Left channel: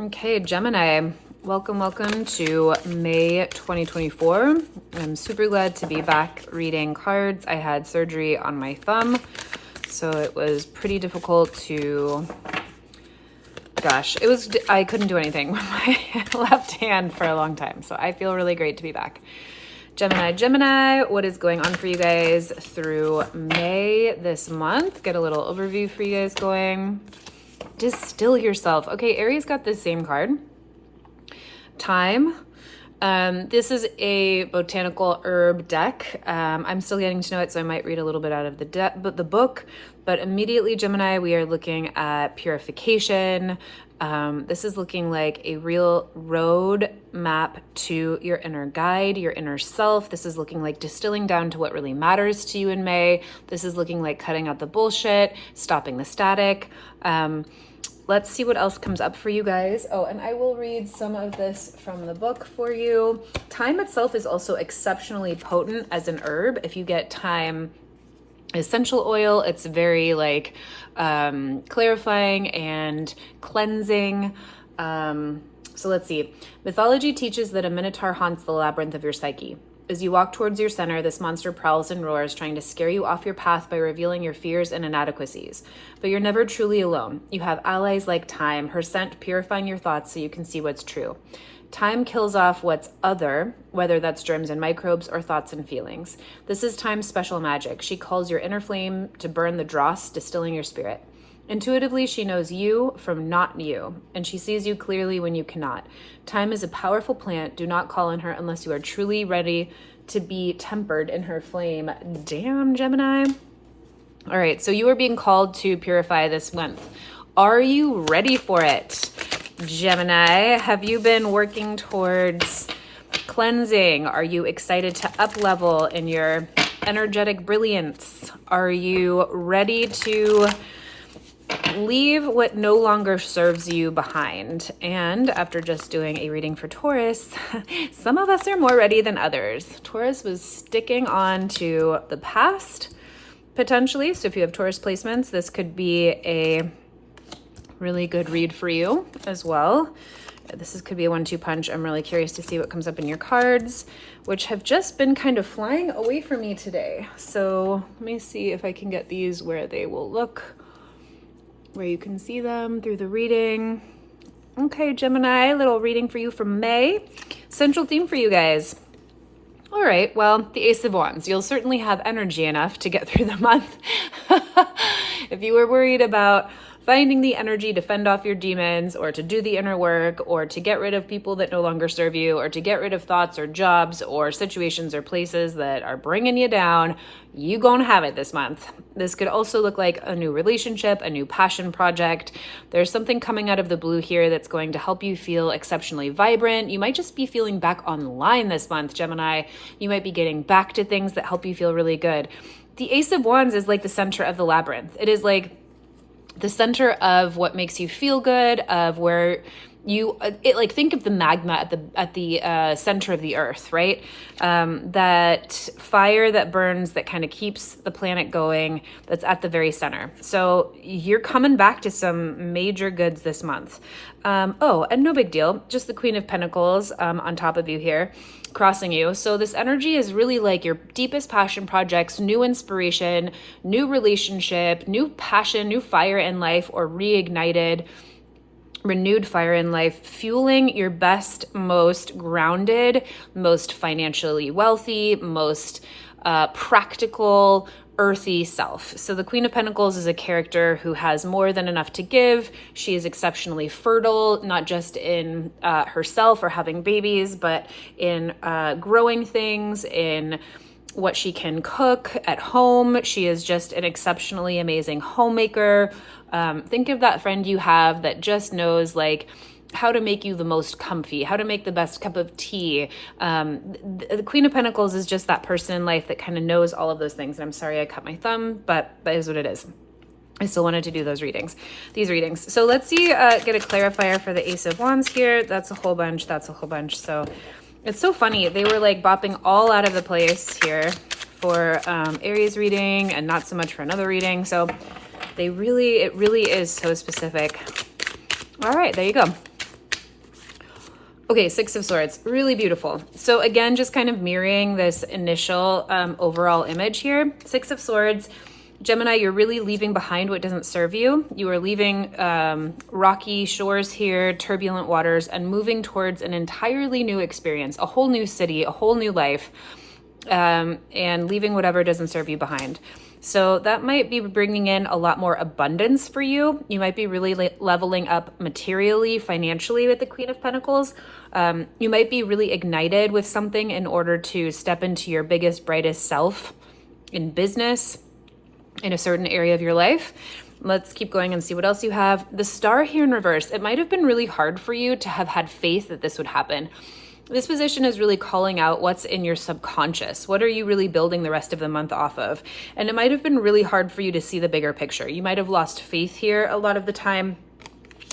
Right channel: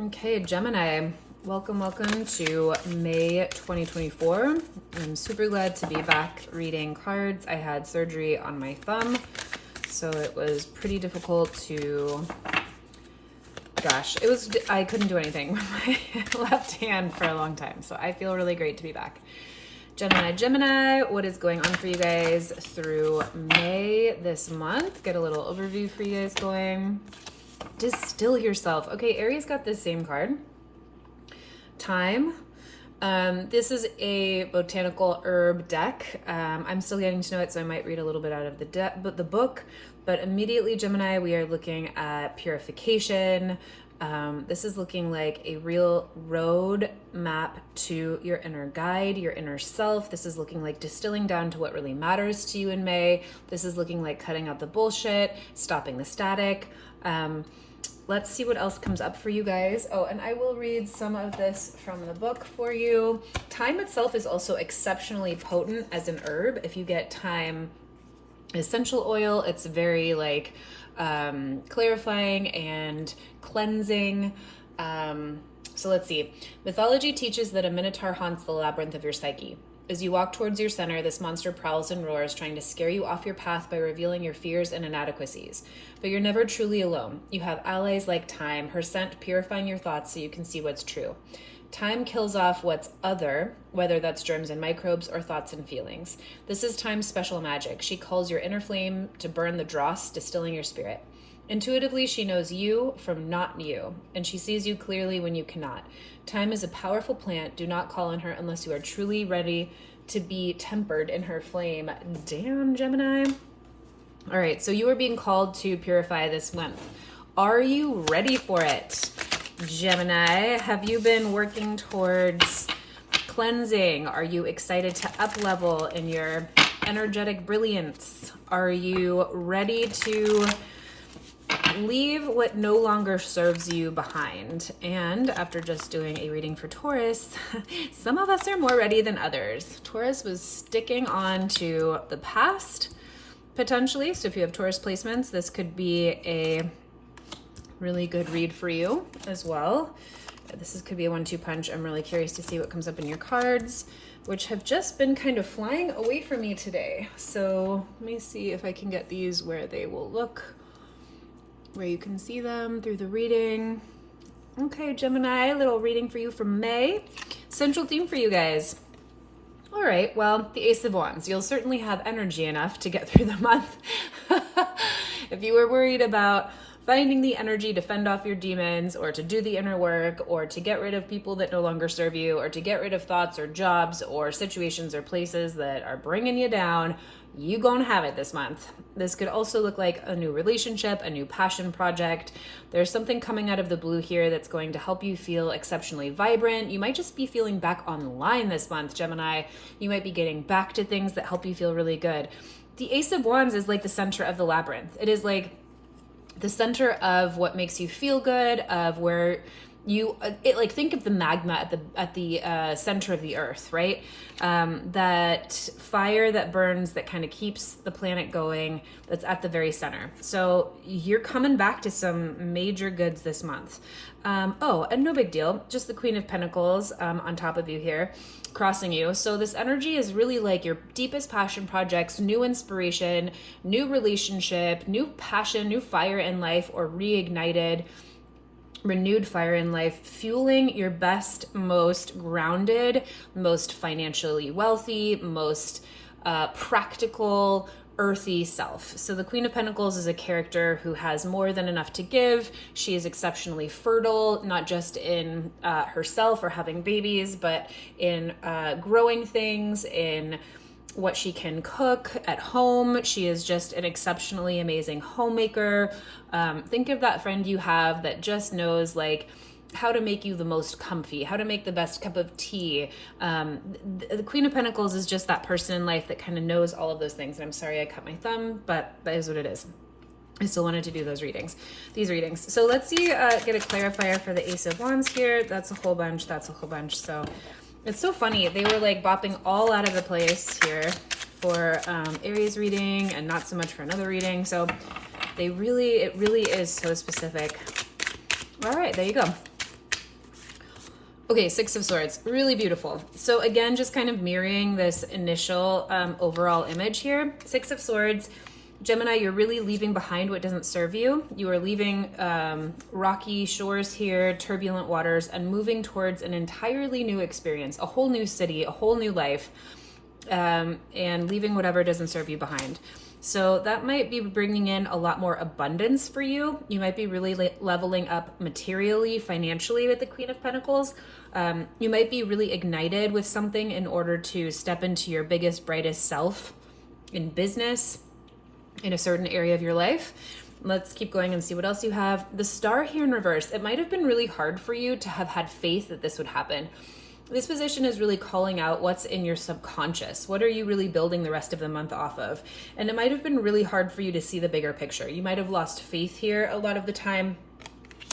Okay, Gemini, welcome to May 2024. I'm super glad to be back reading cards. I had surgery on my thumb, so it was pretty difficult to, I couldn't do anything with my left hand for a long time, so I feel really great to be back. Gemini, what is going on for you guys through May this month? Get a little overview for you guys going. Distill yourself. Okay, Aries got the same card. Time. This is a botanical herb deck. I'm still getting to know it, so I might read a little bit out of the book. But immediately, Gemini, we are looking at purification. This is looking like a real road map to your inner guide, your inner self. This is looking like distilling down to what really matters to you in May. This is looking like cutting out the bullshit, stopping the static. Let's see what else comes up for you guys. Oh, and I will read some of this from the book for you. Thyme itself is also exceptionally potent as an herb. If you get thyme essential oil, it's very clarifying and cleansing. So let's see. Mythology teaches that a minotaur haunts the labyrinth of your psyche. As you walk towards your center, this monster prowls and roars, trying to scare you off your path by revealing your fears and inadequacies. But you're never truly alone. You have allies like Thyme, her scent purifying your thoughts so you can see what's true. Thyme kills off what's other, whether that's germs and microbes or thoughts and feelings. This is Thyme's special magic. She calls your inner flame to burn the dross, distilling your spirit. Intuitively, she knows you from not you, and she sees you clearly when you cannot. Thyme is a powerful plant. Do not call on her unless you are truly ready to be tempered in her flame. Damn, Gemini. All right, so you are being called to purify this month. Are you ready for it? Gemini, have you been working towards cleansing? Are you excited to up level in your energetic brilliance? Are you ready to leave what no longer serves you behind? And after just doing a reading for Taurus, some of us are more ready than others. Taurus was sticking on to the past, potentially. So if you have Taurus placements, this could be a really good read for you as well. Could be a 1-2 punch. I'm really curious to see what comes up in your cards, which have just been kind of flying away from me today. So let me see if I can get these where they will look, where you can see them through the reading. Okay, Gemini, a little reading for you from May. Central theme for you guys. All right, well, the Ace of Wands. You'll certainly have energy enough to get through the month. If you were worried about finding the energy to fend off your demons, or to do the inner work, or to get rid of people that no longer serve you, or to get rid of thoughts or jobs or situations or places that are bringing you down, you gonna have it this month. This could also look like a new relationship, a new passion project. There's something coming out of the blue here that's going to help you feel exceptionally vibrant. You might just be feeling back online this month, Gemini. You might be getting back to things that help you feel really good. The Ace of Wands is like the center of the labyrinth. It is like the center of what makes you feel good, of where you, think of the magma at the center of the earth, right? That fire that burns, that kind of keeps the planet going, that's at the very center. So you're coming back to some major goods this month. And no big deal, just the Queen of Pentacles on top of you here, crossing you. So this energy is really like your deepest passion projects, new inspiration, new relationship, new passion, new fire in life, or reignited, renewed fire in life, fueling your best, most grounded, most financially wealthy, most practical, earthy self. So the Queen of Pentacles is a character who has more than enough to give. She is exceptionally fertile, not just in herself or having babies, but in growing things, in what she can cook at home. She is just an exceptionally amazing homemaker. Think of that friend you have that just knows how to make you the most comfy, how to make the best cup of tea. The Queen of Pentacles is just that person in life that kind of knows all of those things. And I'm sorry I cut my thumb, but that is what it is. I still wanted to do these readings. So let's see, get a clarifier for the Ace of Wands here. That's a whole bunch. So it's so funny. They were bopping all out of the place here for Aries reading and not so much for another reading. So it really is so specific. All right, there you go. Okay, Six of Swords, really beautiful. So again, just kind of mirroring this initial overall image here. Six of Swords, Gemini, you're really leaving behind what doesn't serve you. You are leaving rocky shores here, turbulent waters, and moving towards an entirely new experience, a whole new city, a whole new life, and leaving whatever doesn't serve you behind. So that might be bringing in a lot more abundance for you. You might be really leveling up materially, financially with the Queen of Pentacles. You might be really ignited with something in order to step into your biggest, brightest self in business, in a certain area of your life. Let's keep going and see what else you have. The Star here in reverse. It might have been really hard for you to have had faith that this would happen. This position is really calling out what's in your subconscious. What are you really building the rest of the month off of? And it might have been really hard for you to see the bigger picture. You might have lost faith here a lot of the time.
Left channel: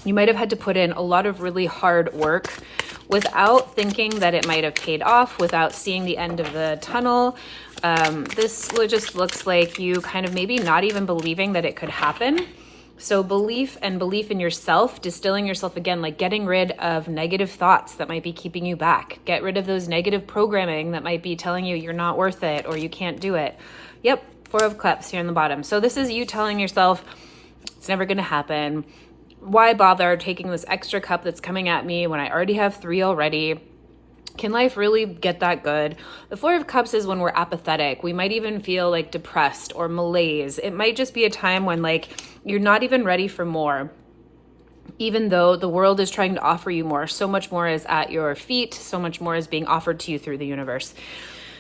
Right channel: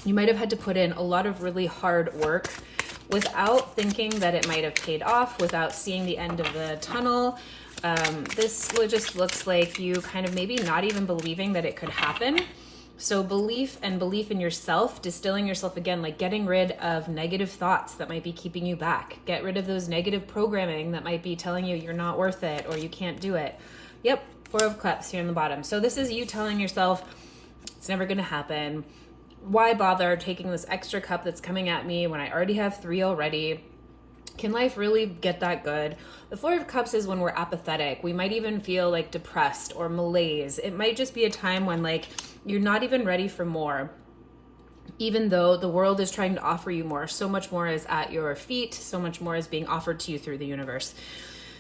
You might have had to put in a lot of really hard work without thinking that it might have paid off, without seeing the end of the tunnel. This just looks like you kind of maybe not even believing that it could happen. So belief in yourself, distilling yourself again, like getting rid of negative thoughts that might be keeping you back. Get rid of those negative programming that might be telling you you're not worth it or you can't do it. Yep, Four of Cups here in the bottom. So this is you telling yourself it's never going to happen. Why bother taking this extra cup that's coming at me when I already have 3 already? Can life really get that good? The Four of Cups is when we're apathetic. We might even feel like depressed or malaise. It might just be a time when like you're not even ready for more, even though the world is trying to offer you more. So much more is at your feet. So much more is being offered to you through the universe.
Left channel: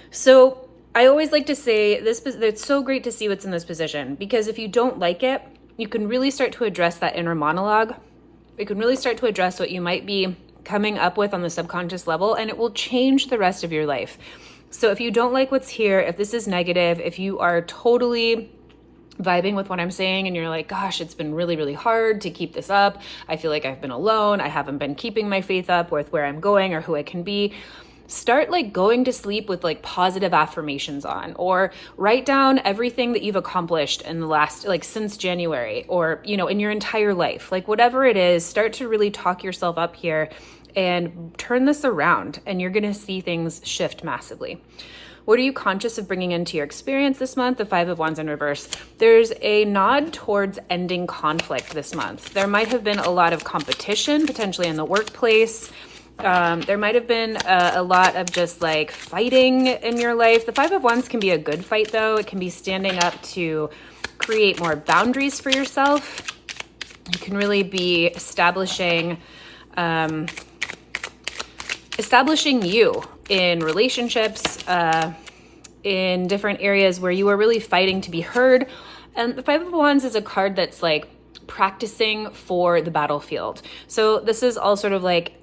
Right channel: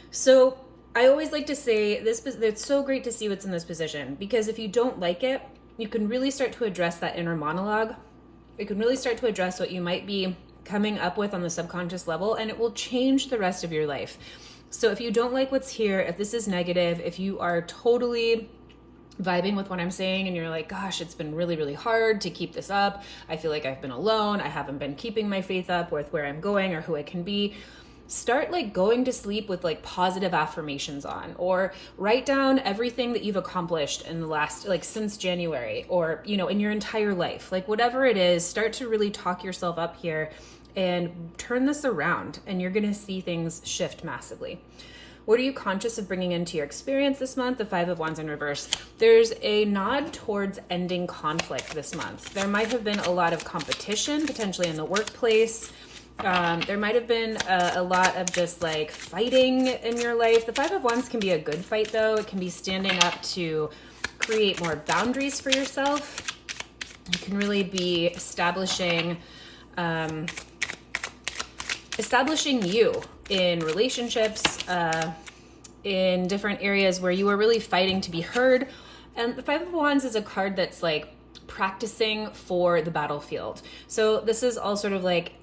So I always like to say this, it's so great to see what's in this position, because if you don't like it, you can really start to address that inner monologue. You can really start to address what you might be coming up with on the subconscious level, and it will change the rest of your life. So if you don't like what's here, if this is negative, if you are totally vibing with what I'm saying and you're like, gosh, it's been really, really hard to keep this up. I feel like I've been alone. I haven't been keeping my faith up with where I'm going or who I can be. Start like going to sleep with like positive affirmations on, or write down everything that you've accomplished in the last, like since January, or, you know, in your entire life, like whatever it is, start to really talk yourself up here and turn this around, and you're going to see things shift massively. What are you conscious of bringing into your experience this month? The Five of Wands in reverse. There's a nod towards ending conflict this month. There might have been a lot of competition, potentially in the workplace. There might have been a lot of just like fighting in your life. The Five of Wands can be a good fight though. It can be standing up to create more boundaries for yourself. You can really be establishing you in relationships, in different areas where you are really fighting to be heard. And the Five of Wands is a card that's like practicing for the battlefield. So this is all sort of like,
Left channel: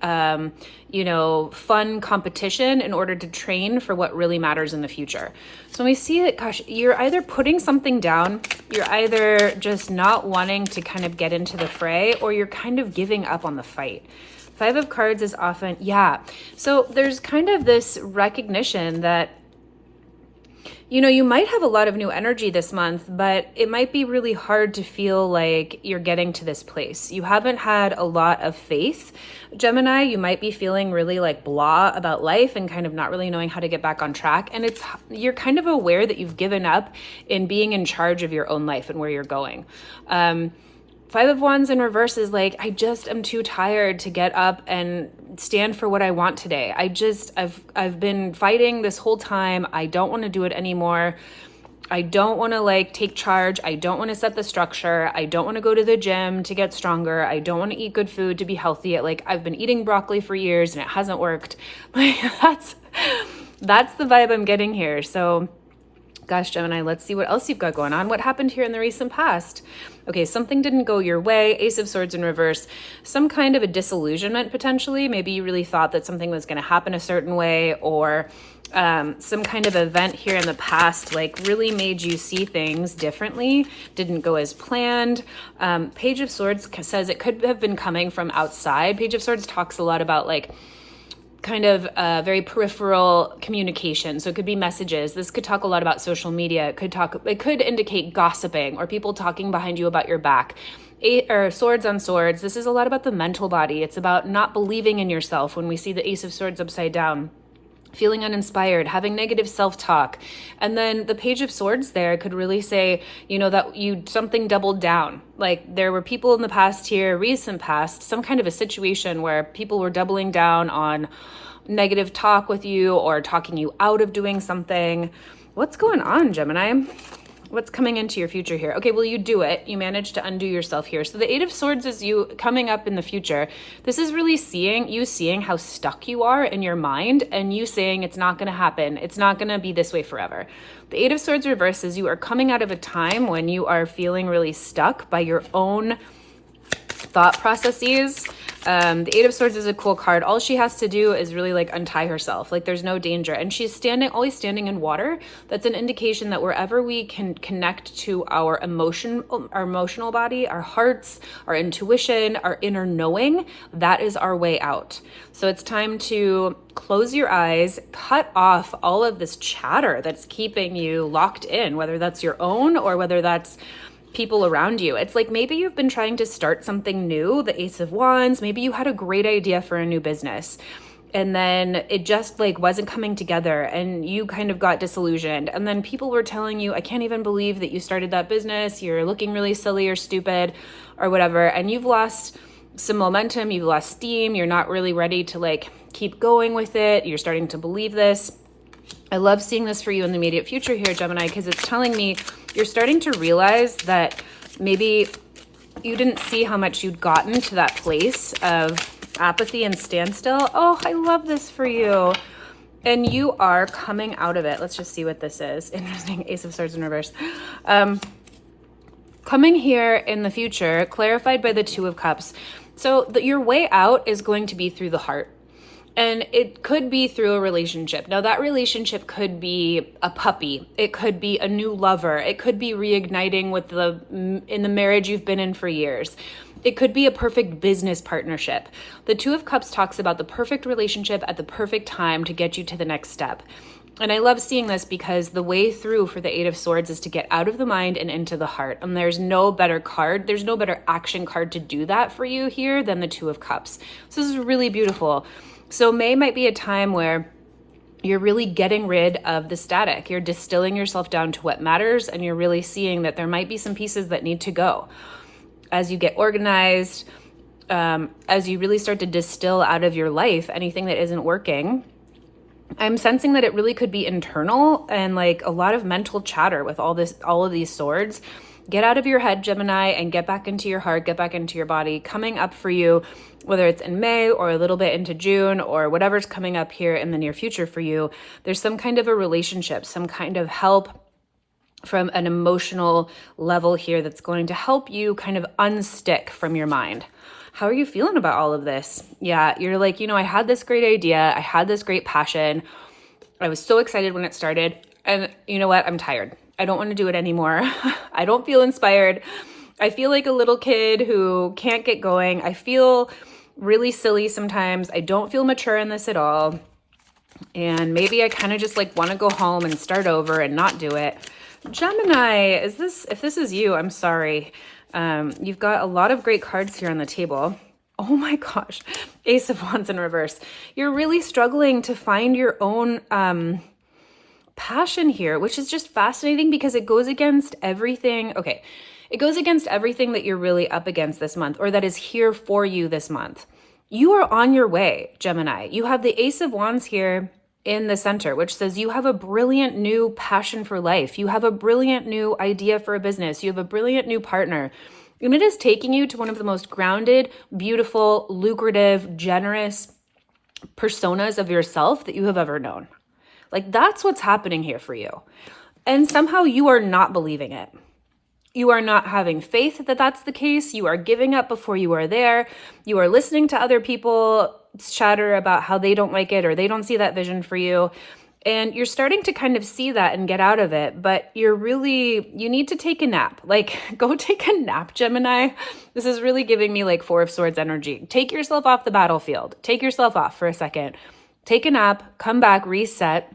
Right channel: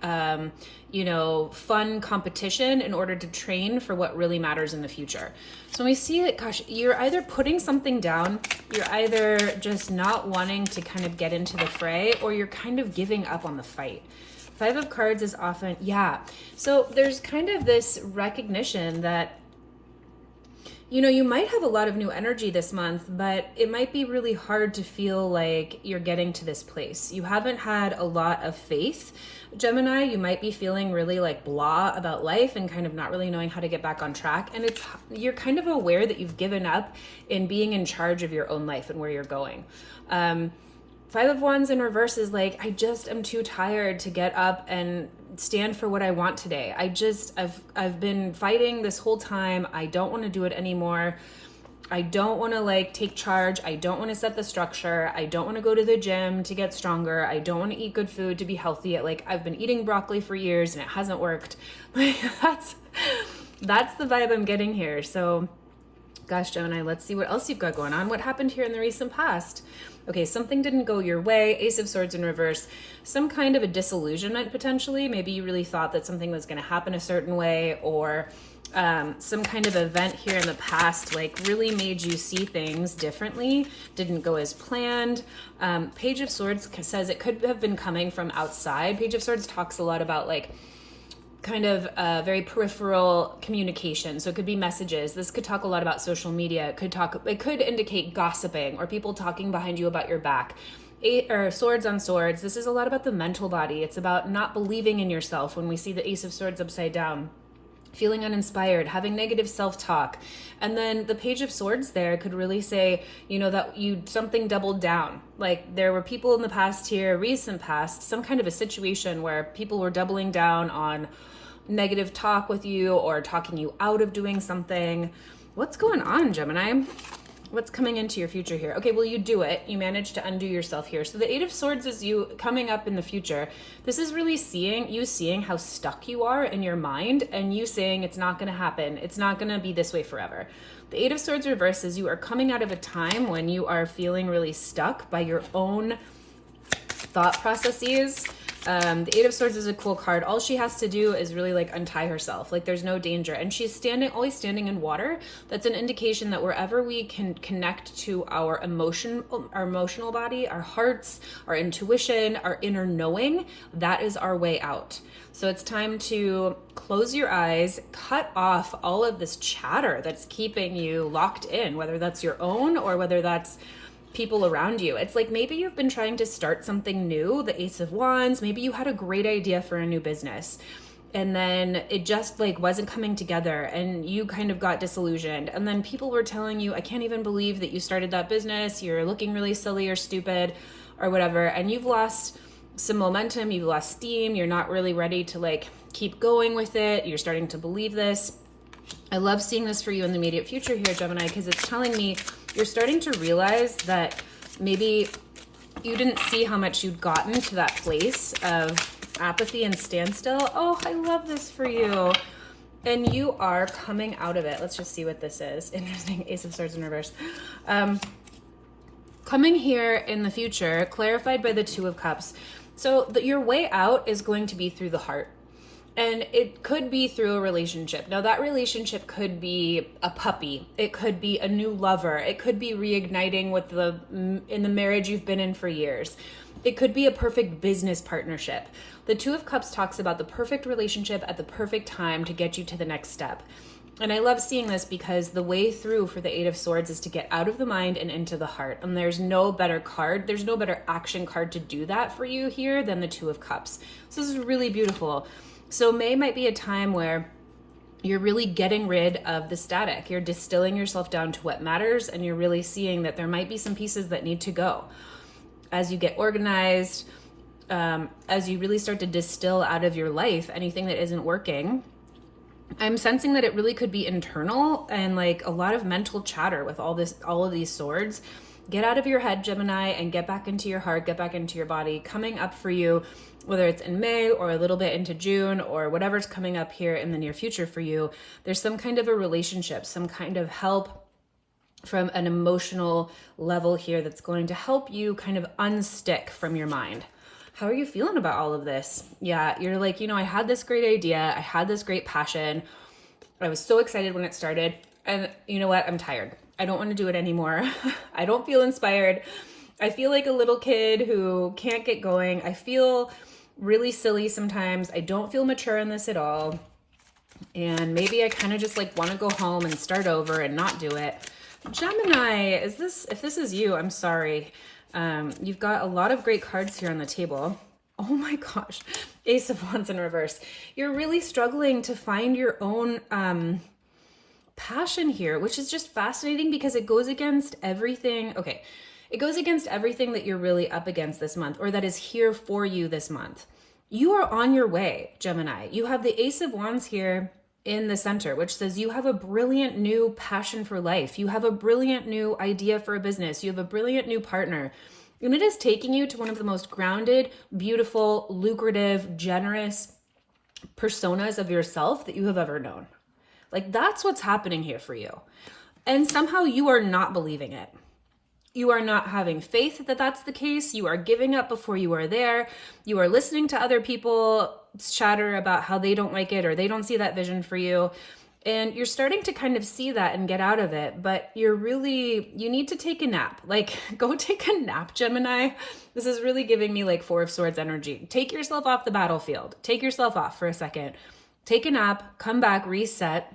you know, fun competition in order to train for what really matters in the future. So when we see it, gosh, you're either putting something down, you're either just not wanting to kind of get into the fray, or you're kind of giving up on the fight. Five of Cards is often, yeah. So there's kind of this recognition that, you know, you might have a lot of new energy this month, but it might be really hard to feel like you're getting to this place. You haven't had a lot of faith. Gemini, you might be feeling really like blah about life and kind of not really knowing how to get back on track. And you're kind of aware that you've given up in being in charge of your own life and where you're going. Five of Wands in reverse is like, I just am too tired to get up and stand for what I want today. I've been fighting this whole time. I don't want to do it anymore. I don't want to like take charge. I don't want to set the structure. I don't want to go to the gym to get stronger. I don't want to eat good food to be healthy. Like I've been eating broccoli for years and it hasn't worked. Like that's the vibe I'm getting here. So gosh, Gemini, let's see what else you've got going on. What happened here in the recent past? Okay, something didn't go your way. Ace of Swords in reverse. Some kind of a disillusionment potentially. Maybe you really thought that something was going to happen a certain way, or some kind of event here in the past like really made you see things differently, didn't go as planned. Page of Swords says it could have been coming from outside. Page of Swords talks a lot about like kind of very peripheral communication. So it could be messages. This could talk a lot about social media. It could indicate gossiping or people talking behind you about your back. Swords on Swords. This is a lot about the mental body. It's about not believing in yourself when we see the Ace of Swords upside down. Feeling uninspired, having negative self-talk. And then the Page of Swords there could really say, that something doubled down. Like there were people in the past here, recent past, some kind of a situation where people were doubling down on negative talk with you or talking you out of doing something. What's going on, Gemini? What's coming into your future here? Okay, well, you do it. You manage to undo yourself here. So the Eight of Swords is you coming up in the future. This is really seeing how stuck you are in your mind and you saying it's not going to happen. It's not going to be this way forever. The Eight of Swords reverse is you are coming out of a time when you are feeling really stuck by your own thought processes. The Eight of Swords is a cool card. All she has to do is really like untie herself. Like there's no danger. And she's always standing in water. That's an indication that wherever we can connect to our emotional body, our hearts, our intuition, our inner knowing, that is our way out. So it's time to close your eyes, cut off all of this chatter that's keeping you locked in, whether that's your own or whether that's people around you. It's like maybe you've been trying to start something new, the Ace of Wands. Maybe you had a great idea for a new business and then it just like wasn't coming together and you kind of got disillusioned. And then people were telling you, I can't even believe that you started that business. You're looking really silly or stupid or whatever. And you've lost some momentum. You've lost steam. You're not really ready to like keep going with it. You're starting to believe this. I love seeing this for you in the immediate future here, Gemini, because it's telling me you're starting to realize that maybe you didn't see how much you'd gotten to that place of apathy and standstill. Oh, I love this for you. And you are coming out of it. Let's just see what this is. Interesting. Ace of Swords in reverse. Coming here in the future, clarified by the Two of Cups. So your way out is going to be through the heart. And it could be through a relationship. Now that relationship could be a puppy. It could be a new lover. It could be reigniting with in the marriage you've been in for years. It could be a perfect business partnership. The Two of Cups talks about the perfect relationship at the perfect time to get you to the next step. And I love seeing this because the way through for the Eight of Swords is to get out of the mind and into the heart. And there's no better card. There's no better action card to do that for you here than the Two of Cups. So this is really beautiful. So May might be a time where you're really getting rid of the static. You're distilling yourself down to what matters, and you're really seeing that there might be some pieces that need to go. As you get organized, as you really start to distill out of your life anything that isn't working, I'm sensing that it really could be internal and like a lot of mental chatter with all of these swords. Get out of your head, Gemini, and get back into your heart, get back into your body. Coming up for you, whether it's in May or a little bit into June or whatever's coming up here in the near future for you, there's some kind of a relationship, some kind of help from an emotional level here that's going to help you kind of unstick from your mind. How are you feeling about all of this? Yeah, you're like, I had this great idea. I had this great passion. I was so excited when it started. And you know what? I'm tired. I don't want to do it anymore. I don't feel inspired. I feel like a little kid who can't get going. I feel really silly sometimes. I don't feel mature in this at all. And maybe I kind of just like want to go home and start over and not do it. Gemini, if this is you, I'm sorry. You've got a lot of great cards here on the table. Oh my gosh. Ace of Wands in reverse. You're really struggling to find your own passion here, which is just fascinating because it goes against everything. Okay. It goes against everything that you're really up against this month or that is here for you this month. You are on your way, Gemini. You have the Ace of Wands here in the center, which says you have a brilliant new passion for life. You have a brilliant new idea for a business. You have a brilliant new partner. And it is taking you to one of the most grounded, beautiful, lucrative, generous personas of yourself that you have ever known. Like that's what's happening here for you. And somehow you are not believing it. You are not having faith that that's the case. You are giving up before you are there. You are listening to other people chatter about how they don't like it or they don't see that vision for you. And you're starting to kind of see that and get out of it, but you need to take a nap. Like go take a nap, Gemini. This is really giving me like Four of Swords energy. Take yourself off the battlefield. Take yourself off for a second. Take a nap, come back, reset,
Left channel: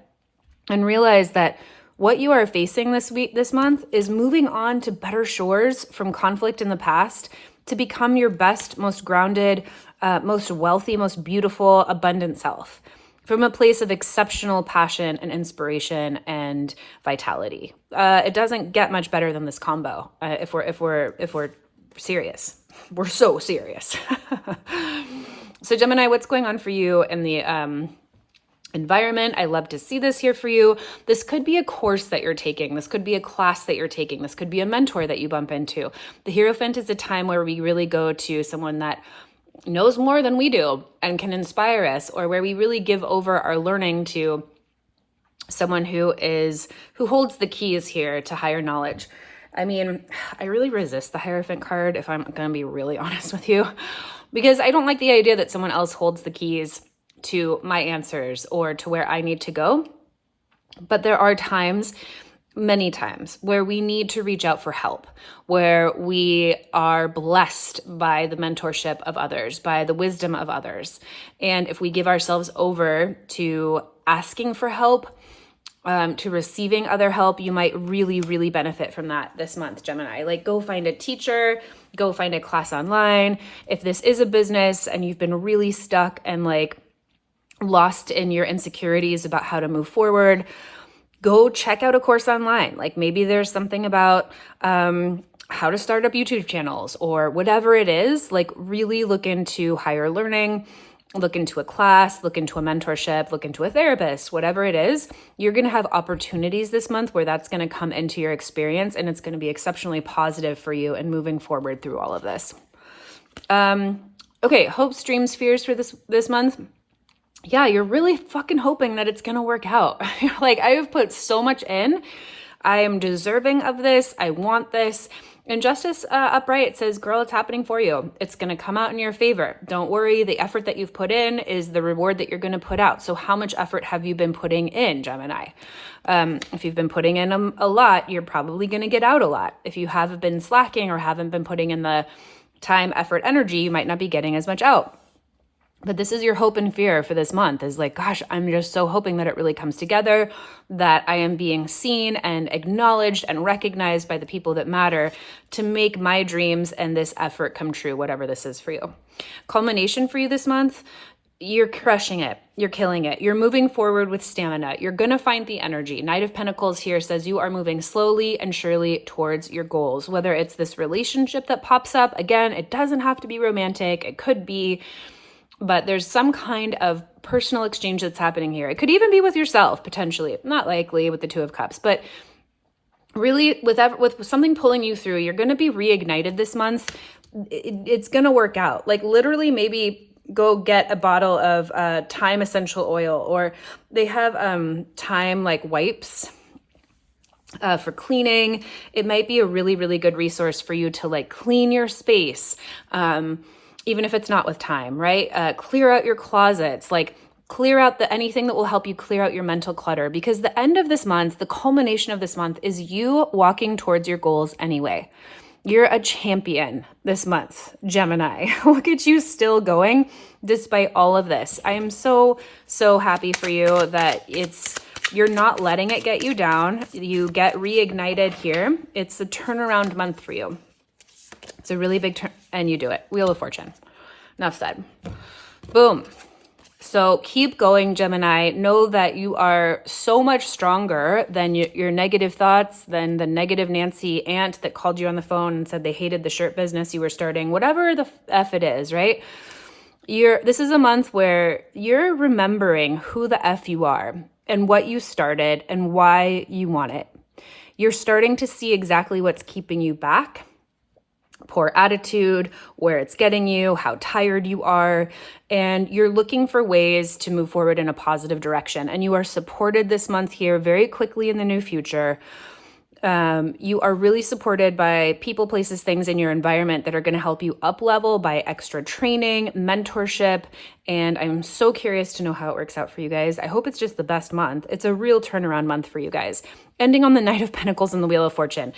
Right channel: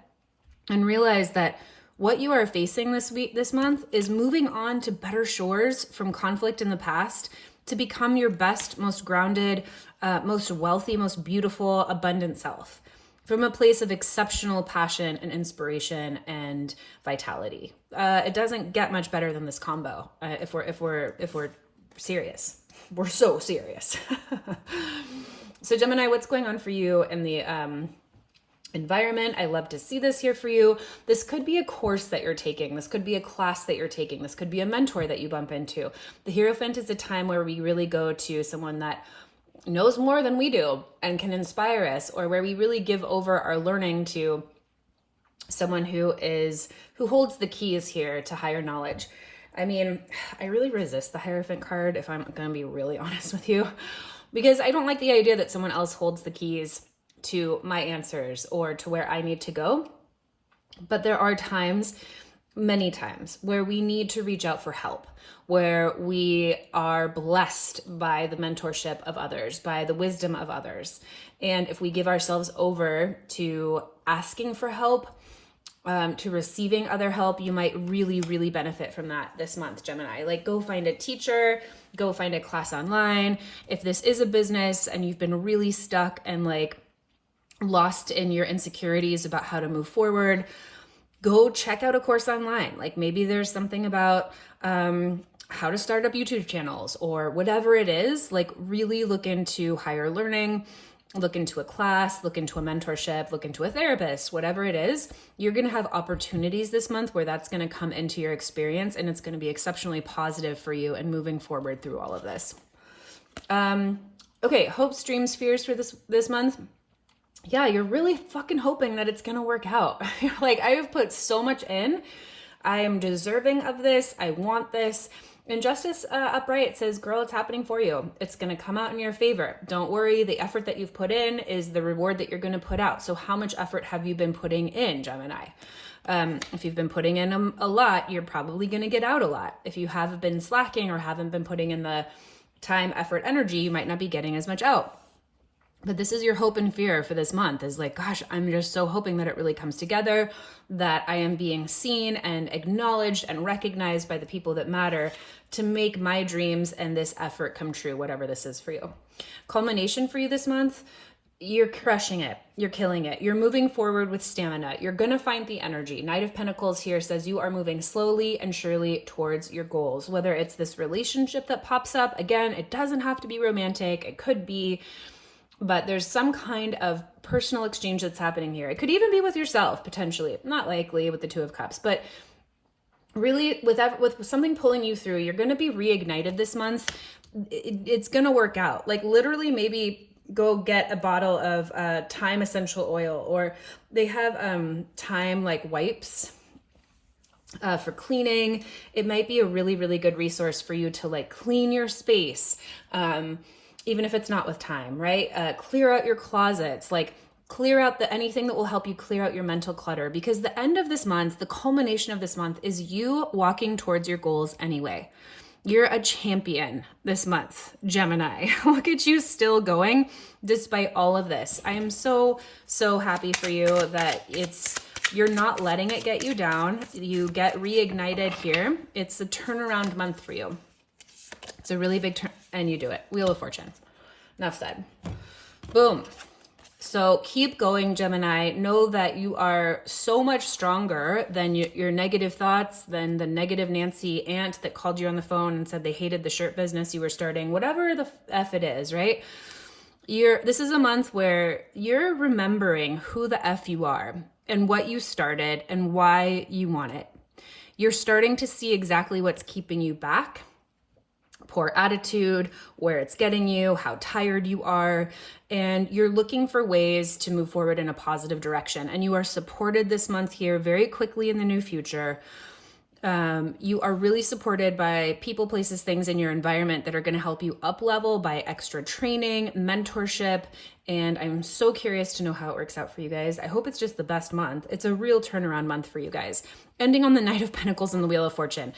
and realize that what you are facing this month is moving on to better shores from conflict in the past to become your best, most grounded, most wealthy, most beautiful, abundant self from a place of exceptional passion and inspiration and vitality. It doesn't get much better than this combo. If we're serious, we're so serious. So Gemini, what's going on for you in the environment? I love to see this here for you. This could be a course that you're taking. This could be a class that you're taking. This could be a mentor that you bump into. The Hierophant is a time where we really go to someone that knows more than we do and can inspire us, or where we really give over our learning to someone who holds the keys here to higher knowledge. I mean, I really resist the Hierophant card, if I'm going to be really honest with you, because I don't like the idea that someone else holds the keys to my answers or to where I need to go. But there are times, many times, where we need to reach out for help, where we are blessed by the mentorship of others, by the wisdom of others. And if we give ourselves over to asking for help, to receiving other help, you might really, really benefit from that this month, Gemini. Like, go find a teacher, go find a class online. If this is a business and you've been really stuck and like lost in your insecurities about how to move forward, go check out a course online. Like, maybe there's something about how to start up YouTube channels or whatever it is. Like, really look into higher learning, look into a class, look into a mentorship, look into a therapist, whatever it is. You're going to have opportunities this month where that's going to come into your experience, and it's going to be exceptionally positive for you and moving forward through all of this. Okay, hopes, dreams, fears for this month. Yeah, you're really fucking hoping that it's going to work out. You're like, I have put so much in. I am deserving of this. I want this. And Justice Upright says, girl, it's happening for you. It's going to come out in your favor. Don't worry. The effort that you've put in is the reward that you're going to put out. So how much effort have you been putting in, Gemini? If you've been putting in a lot, you're probably going to get out a lot. If you have been slacking or haven't been putting in the time, effort, energy, you might not be getting as much out. But this is your hope and fear for this month, is like, gosh, I'm just so hoping that it really comes together, that I am being seen and acknowledged and recognized by the people that matter to make my dreams and this effort come true, whatever this is for you. Culmination for you this month, you're crushing it. You're killing it. You're moving forward with stamina. You're going to find the energy. Knight of Pentacles here says you are moving slowly and surely towards your goals, whether it's this relationship that pops up. Again, it doesn't have to be romantic. It could be, but there's some kind of personal exchange that's happening here. It could even be with yourself, potentially. Not likely with the Two of Cups, but really with something pulling you through, you're going to be reignited this month. It's going to work out. Like, literally, maybe go get a bottle of thyme essential oil, or they have thyme like wipes for cleaning. It might be a really, really good resource for you to like clean your space. Even if it's not with time, right? Clear out your closets, like clear out anything that will help you clear out your mental clutter, because the end of this month, the culmination of this month, is you walking towards your goals anyway. You're a champion this month, Gemini. Look at you still going despite all of this. I am so, so happy for you that you're not letting it get you down. You get reignited here. It's a turnaround month for you. It's a really big turn, and you do it. Wheel of Fortune. Enough said. Boom. So keep going, Gemini. Know that you are so much stronger than your negative thoughts, than the negative Nancy aunt that called you on the phone and said they hated the shirt business you were starting, whatever the F it is, right? This is a month where you're remembering who the F you are and what you started and why you want it. You're starting to see exactly what's keeping you back. Poor attitude, where it's getting you, how tired you are, and you're looking for ways to move forward in a positive direction. And you are supported this month here very quickly in the new future. You are really supported by people, places, things in your environment that are going to help you up level by extra training, mentorship, and I'm so curious to know how it works out for you guys. I hope it's just the best month. It's a real turnaround month for you guys. Ending on the Knight of Pentacles and the Wheel of Fortune.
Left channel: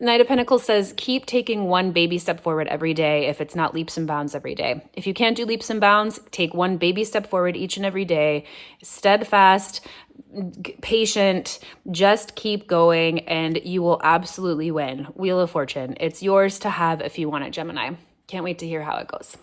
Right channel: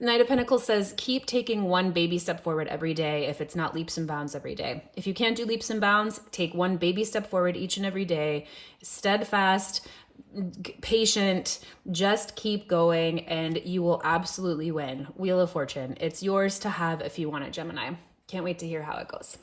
Knight of Pentacles says, keep taking one baby step forward every day if it's not leaps and bounds every day. If you can't do leaps and bounds, take one baby step forward each and every day. Steadfast, patient, just keep going and you will absolutely win. Wheel of Fortune. It's yours to have if you want it, Gemini. Can't wait to hear how it goes.